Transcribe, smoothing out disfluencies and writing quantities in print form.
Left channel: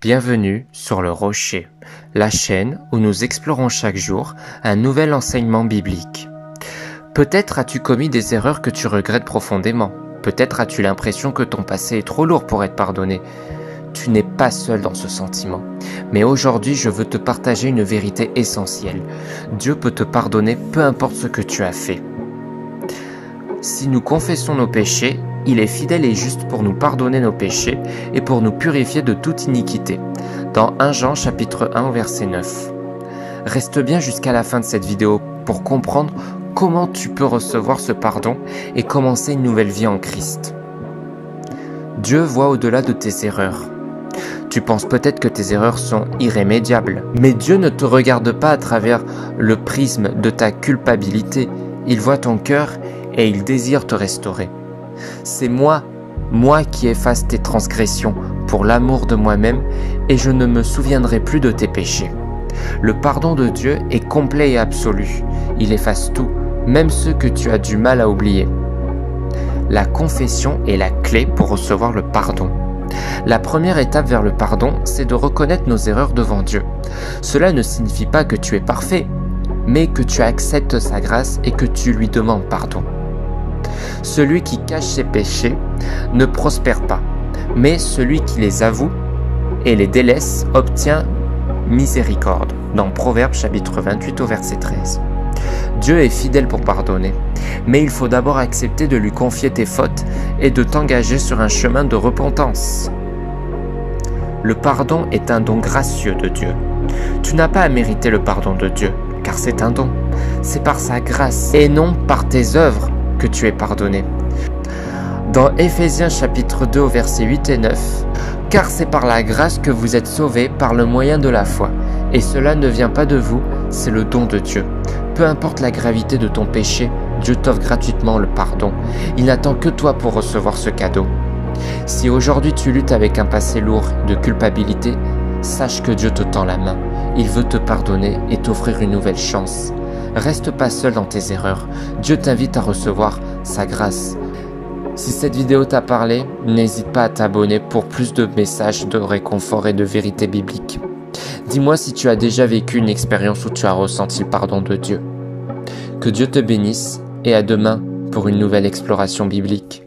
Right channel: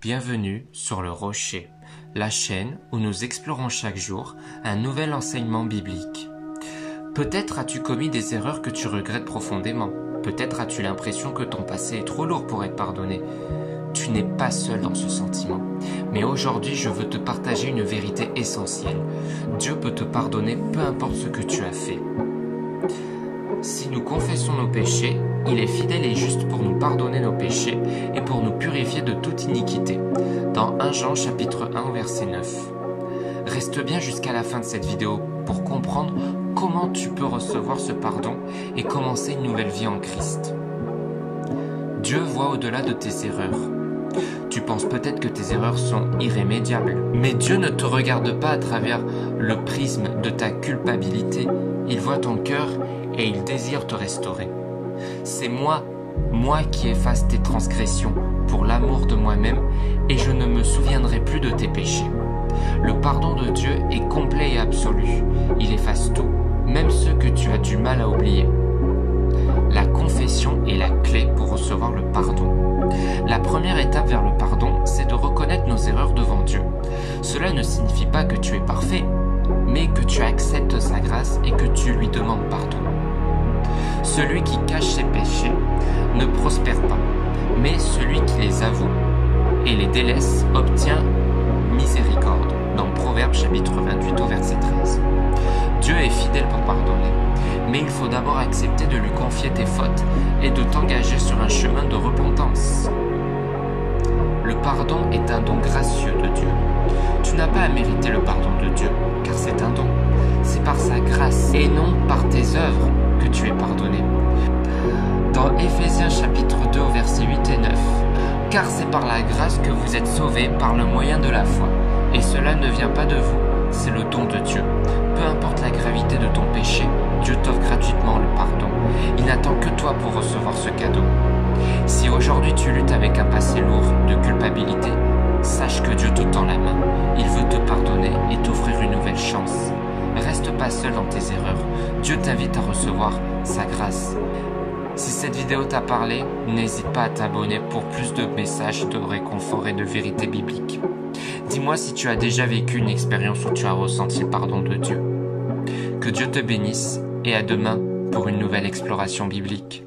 Bienvenue sur Le Rocher, la chaîne où nous explorons chaque jour un nouvel enseignement biblique. Peut-être as-tu commis des erreurs que tu regrettes profondément. Peut-être as-tu l'impression que ton passé est trop lourd pour être pardonné. Tu n'es pas seul dans ce sentiment. Mais aujourd'hui, je veux te partager une vérité essentielle. Dieu peut te pardonner peu importe ce que tu as fait. Si nous confessons nos péchés, il est fidèle et juste pour nous pardonner nos péchés et pour nous purifier de toute iniquité. Dans 1 Jean chapitre 1 verset 9. Reste bien jusqu'à la fin de cette vidéo pour comprendre comment tu peux recevoir ce pardon et commencer une nouvelle vie en Christ. Dieu voit au-delà de tes erreurs. Tu penses peut-être que tes erreurs sont irrémédiables, mais Dieu ne te regarde pas à travers le prisme de ta culpabilité. Il voit ton cœur et il désire te restaurer. C'est moi qui efface tes transgressions pour l'amour de moi-même et je ne me souviendrai plus de tes péchés. Le pardon de Dieu est complet et absolu. Il efface tout, même ceux que tu as du mal à oublier. La confession est la clé pour recevoir le pardon. La première étape vers le pardon, c'est de reconnaître nos erreurs devant Dieu. Cela ne signifie pas que tu es parfait, mais que tu acceptes sa grâce et que tu lui demandes pardon. Celui qui cache ses péchés ne prospère pas, mais celui qui les avoue et les délaisse obtient miséricorde, dans Proverbes chapitre 28 au verset 13. Dieu est fidèle pour pardonner, mais il faut d'abord accepter de lui confier tes fautes et de t'engager sur un chemin de repentance. Le pardon est un don gracieux de Dieu. Tu n'as pas à mériter le pardon de Dieu, car c'est un don. C'est par sa grâce et non par tes œuvres que tu es pardonné. Dans Éphésiens chapitre 2 au verset 8 et 9, « Car c'est par la grâce que vous êtes sauvés par le moyen de la foi, et cela ne vient pas de vous, c'est le don de Dieu. » Peu importe la gravité de ton péché, Dieu t'offre gratuitement le pardon. Il n'attend que toi pour recevoir ce cadeau. Si aujourd'hui tu luttes avec un passé lourd de culpabilité, sache que Dieu te tend la main. Il veut te pardonner et t'offrir une nouvelle chance. Reste pas seul dans tes erreurs. Dieu t'invite à recevoir sa grâce. Si cette vidéo t'a parlé, n'hésite pas à t'abonner pour plus de messages de réconfort et de vérité biblique. Dis-moi si tu as déjà vécu une expérience où tu as ressenti le pardon de Dieu. Que Dieu te bénisse et à demain pour une nouvelle exploration biblique.